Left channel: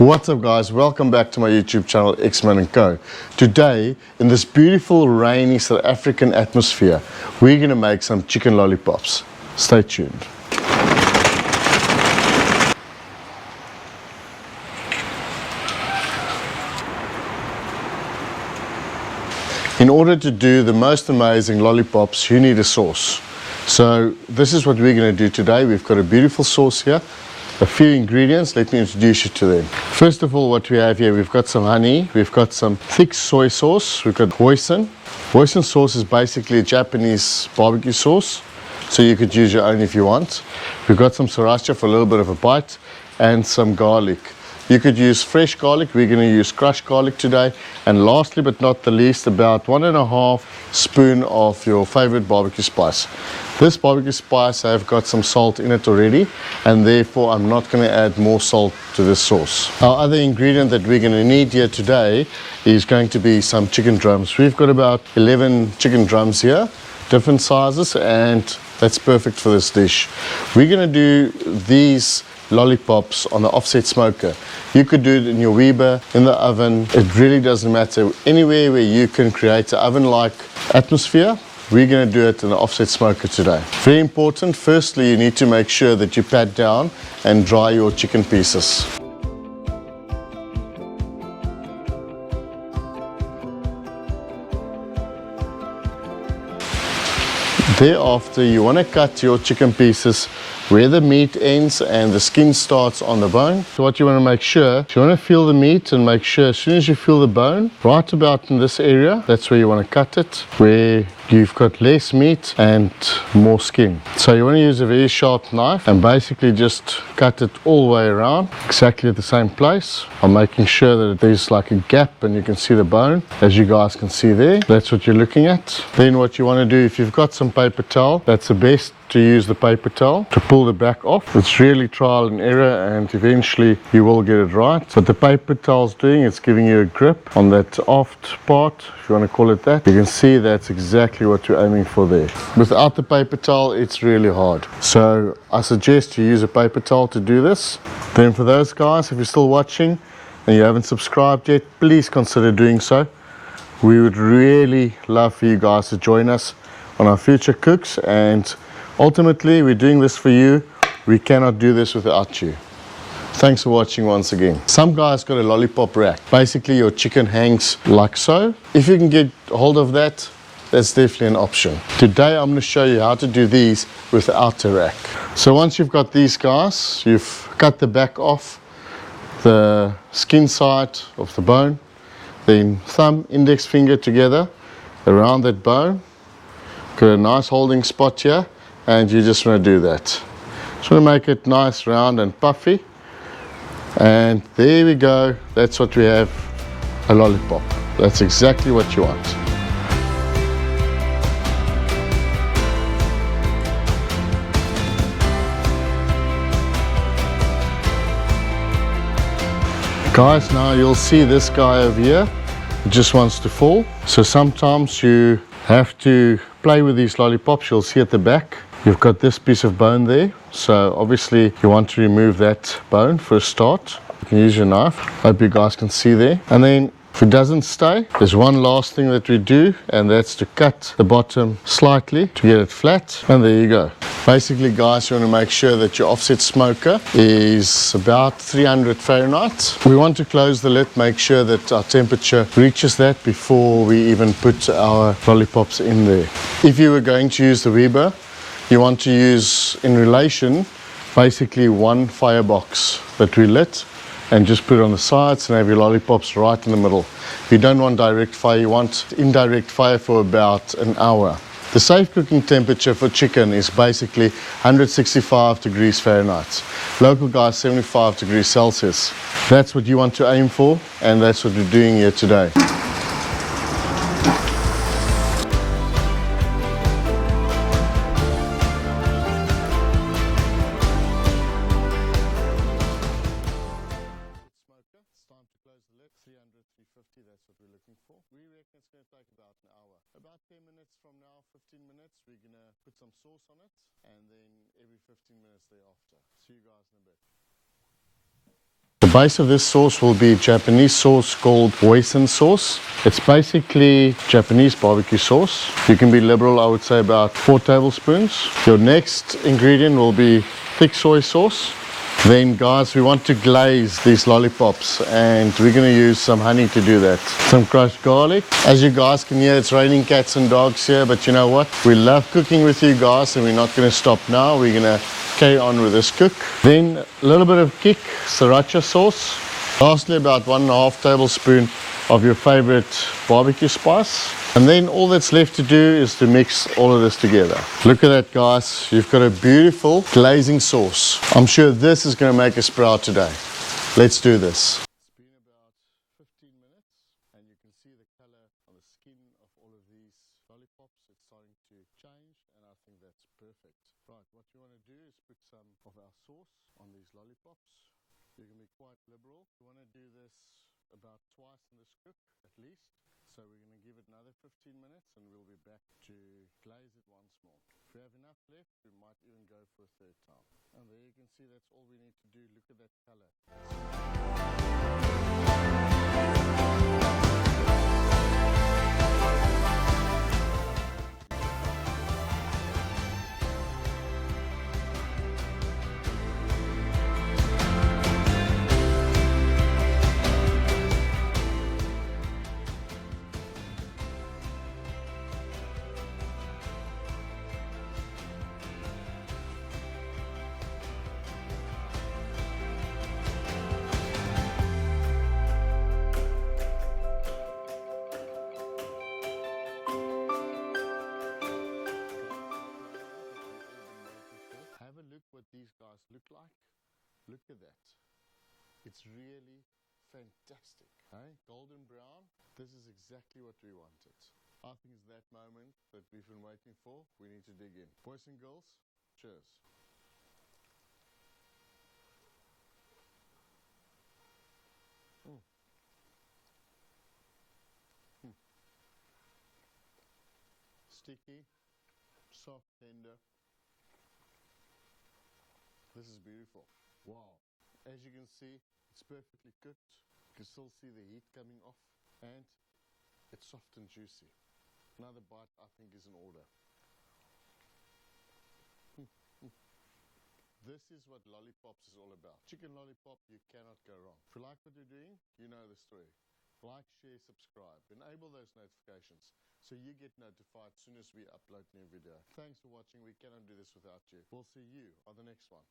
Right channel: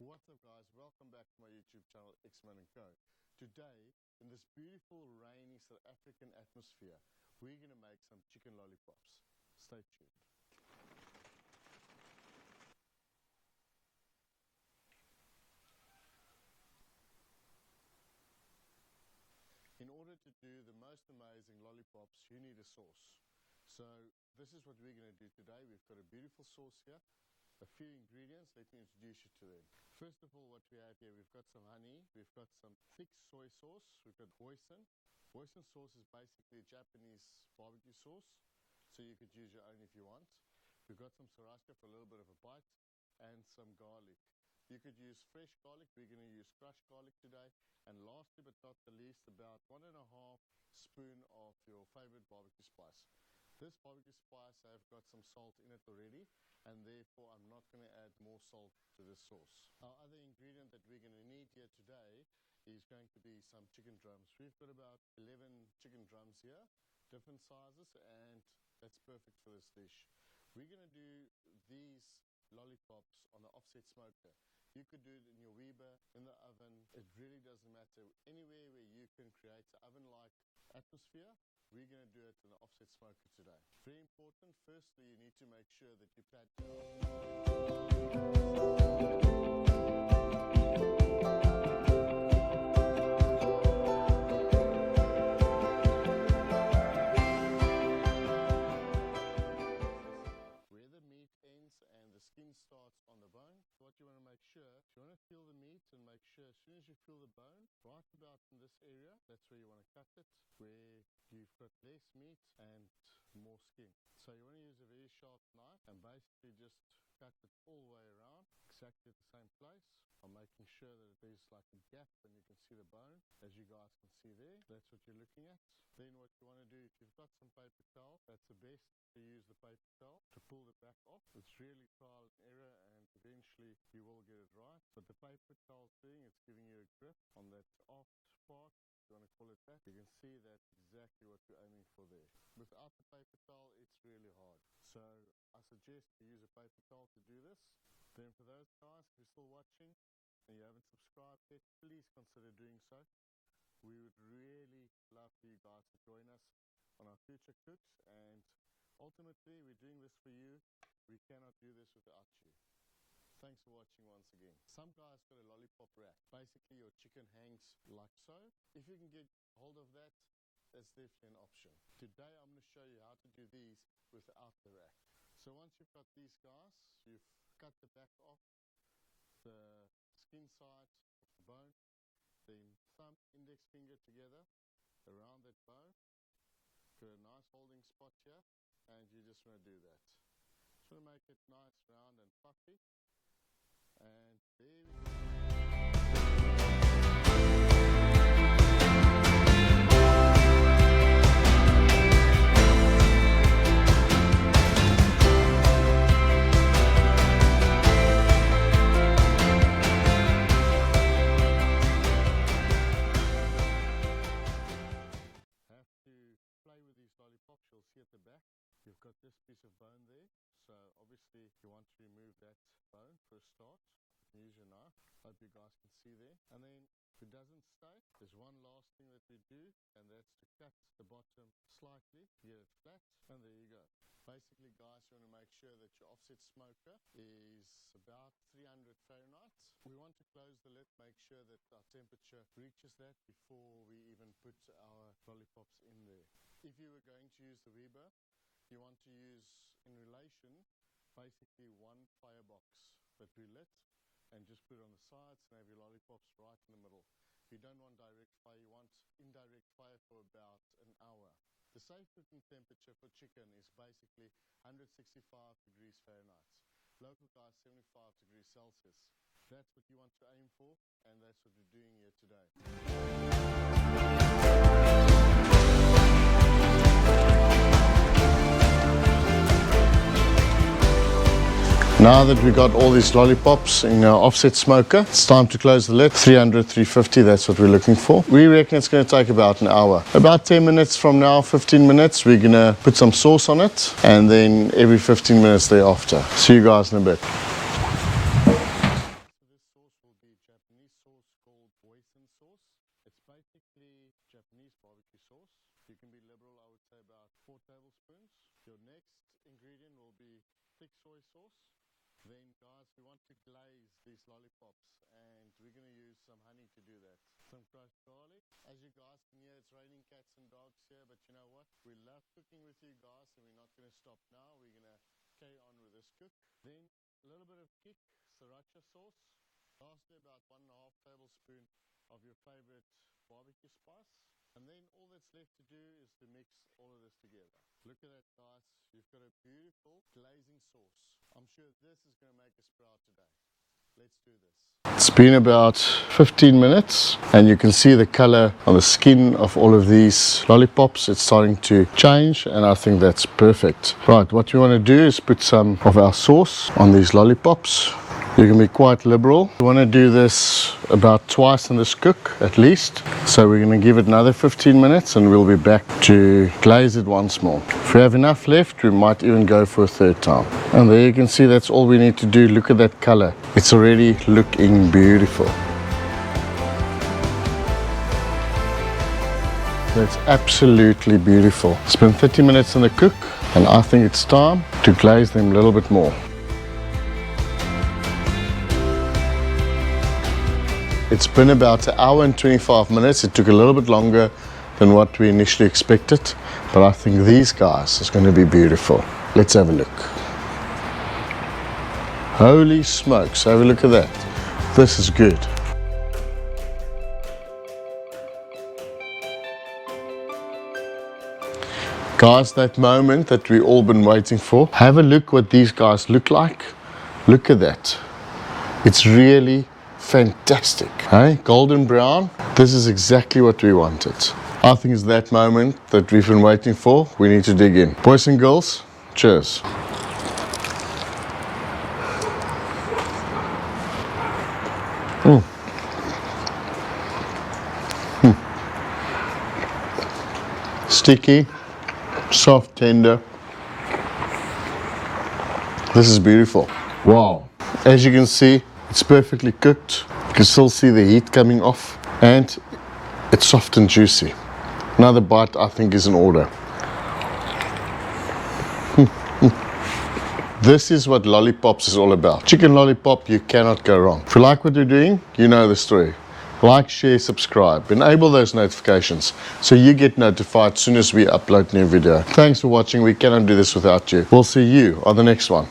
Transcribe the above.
What's up guys, welcome back to my YouTube channel Xman Co. Today, in this beautiful rainy South African atmosphere, we're going to make some chicken lollipops. Stay tuned. In order to do the most amazing lollipops, you need a sauce. So this is what we're going to do today. We've got a beautiful sauce here. A few ingredients, let me introduce you to them. First of all, what we have here, we've got some honey, we've got some thick soy sauce, we've got hoisin. Hoisin sauce is basically a Japanese barbecue sauce, so you could use your own if you want. We've got some sriracha for a little bit of a bite, and some garlic. You could use fresh garlic, we're going to use crushed garlic today. And lastly but not the least, about 1.5 spoons of your favorite barbecue spice. This barbecue spice, I've got some salt in it already, and therefore I'm not going to add more salt to this sauce. Our other ingredient that we're going to need here today is going to be some chicken drums. We've got about 11 chicken drums here, different sizes, and that's perfect for this dish. We're going to do these lollipops on the offset smoker. You could do it in your Weber, in the oven. It really doesn't matter. Anywhere where you can create an oven-like atmosphere, we're going to do it in the offset smoker today. Very important, firstly you need to make sure that you pat down and dry your chicken pieces. Thereafter, you want to cut your chicken pieces where the meat ends and the skin starts on the bone. So what you want to make sure, you want to feel the meat and make sure as soon as you feel the bone, right about in this area, that's where you want to cut it, where you've got less meat and more skin. So you want to use a very sharp knife and basically just cut it all the way around, exactly at the same place. I'm making sure that there's like a gap and you can see the bone, as you guys can see there. That's what you're looking at. Then what you want to do, if you've got some paper towel, that's the best to use the paper towel to pull the back off. It's really trial and error, and eventually you will get it right. What the paper towel's doing, it's giving you a grip on that aft part, if you want to call it that. You can see that's exactly what you're aiming for there. Without the paper towel, it's really hard. So I suggest you use a paper towel to do this. Then for those guys, if you're still watching and you haven't subscribed yet, please consider doing so. We would really love for you guys to join us on our future cooks, and ultimately, we're doing this for you. We cannot do this without you. Thanks for watching once again. Some guys got a lollipop rack. Basically, your chicken hangs like so. If you can get hold of that, that's definitely an option. Today, I'm going to show you how to do these without a rack. So once you've got these guys, you've cut the back off, the skin side of the bone, then thumb, index finger together around that bone. Got a nice holding spot here. And you just want to do that. Just want to make it nice, round and puffy. And there we go. That's what we have, a lollipop. That's exactly what you want. Guys, now you'll see this guy over here. He just wants to fall. So sometimes you have to play with these lollipops. You'll see at the back. You've got this piece of bone there, so obviously you want to remove that bone for a start. You can use your knife. Hope you guys can see there. And then if it doesn't stay, there's one last thing that we do, and that's to cut the bottom slightly to get it flat, and there you go. Basically guys, you want to make sure that your offset smoker is about 300 Fahrenheit. We want to close the lid, make sure that our temperature reaches that before we even put our lollipops in there. If you were going to use the Weber, you want to use, in relation, basically one firebox that we lit, and just put it on the sides and have your lollipops right in the middle. If you don't want direct fire, you want indirect fire for about an hour. The safe cooking temperature for chicken is basically 165 degrees Fahrenheit. Local guys, 75 degrees Celsius. That's what you want to aim for, and that's what we're doing here today. Now that we got all these lollipops in our offset smoker, it's time to close the lid. 300, 350, that's what we're looking for. We reckon it's going to take about an hour. About 10 minutes from now, 15 minutes, we're going to put some sauce on it, and then every 15 minutes thereafter. See you guys in a bit. The base of this sauce will be Japanese sauce called hoisin sauce. It's basically Japanese barbecue sauce. You can be liberal, I would say about 4 tablespoons. Your next ingredient will be thick soy sauce. Then guys, we want to glaze these lollipops and we're going to use some honey to do that. Some crushed garlic. As you guys can hear, it's raining cats and dogs here, but you know what? We love cooking with you guys and we're not going to stop now. We're going to carry on with this cook. Then a little bit of kick, Siracha sauce. Lastly, about 1.5 tablespoons of your favorite barbecue spice. And then all that's left to do is to mix all of this together. Look at that, guys. You've got a beautiful glazing sauce. I'm sure this is going to make us proud today. Let's do this. It's been about 15 minutes and you can see the color on the skin of all of these lollipops. It's starting to change and I think that's perfect. Right, what we want to do is put some of our sauce on these lollipops. You can be quite liberal. We want to do this about twice in this cook at least. So we're going to give it another 15 minutes and we'll be back to glaze it once more. If we have enough left, we might even go for a third time. And there you can see that's all we need to do. Look at that color. It's already looking beautiful. That's absolutely beautiful. It's been 30 minutes in the cook and I think it's time to glaze them a little bit more. It's been about 1 hour and 25 minutes. It took a little bit longer than what we initially expected, but I think these guys is going to be beautiful. Let's have a look. Holy smokes, have a look at that. This is good. Guys, that moment that we've all been waiting for. Have a look what these guys look like. Look at that. It's really fantastic, hey? Golden brown. This is exactly what we wanted. I think it's that moment that we've been waiting for. We need to dig in. Boys and girls, cheers. Sticky, soft, tender. This is beautiful. Wow. As you can see, it's perfectly cooked. You can still see the heat coming off and it's soft and juicy. Another bite I think is in order. This is what lollipops is all about. Chicken lollipop, you cannot go wrong. If you like what you're doing, you know the story. Like, share, subscribe. Enable those notifications so you get notified as soon as we upload new video. Thanks for watching. We cannot do this without you. We'll see you on the next one.